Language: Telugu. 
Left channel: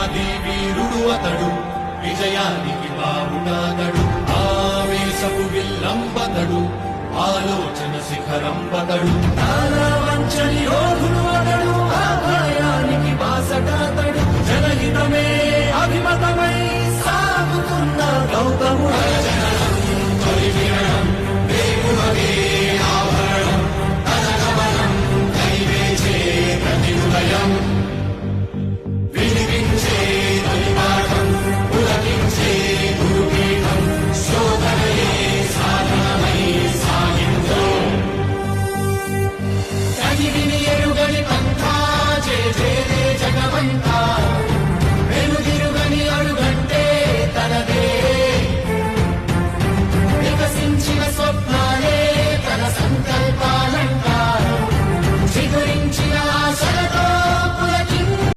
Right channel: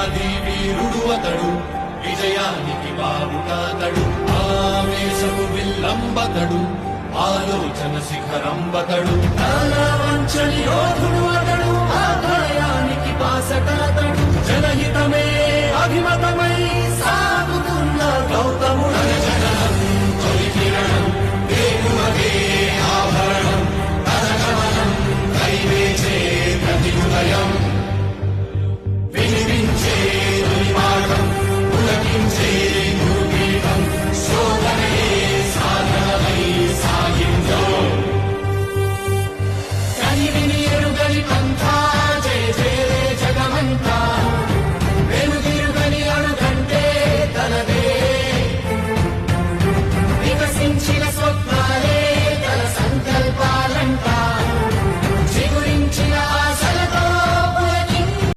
వీరాది వీరుడు అతడు, విజయానికి బావుటాతడు. ఆవేశపు విల్లంబతడు, ఆలోచన శిఖరంబతడు. వంచని యోధుడు అతడు, ఆదాయానికి బాసటాతడు. జనహితమే అభిమతమై సాగుతున్న గౌతముడు. వేగువగే ఆభరణం, తన గమనం కైవేచే ప్రతి ఉదయం. వినిపించే తొలిమాటం, పులకించే గురుగీతం. శోధనే సాధనమై సాగిందో కనివిని ఎరుగని పంథా. జయ జయ జగమంత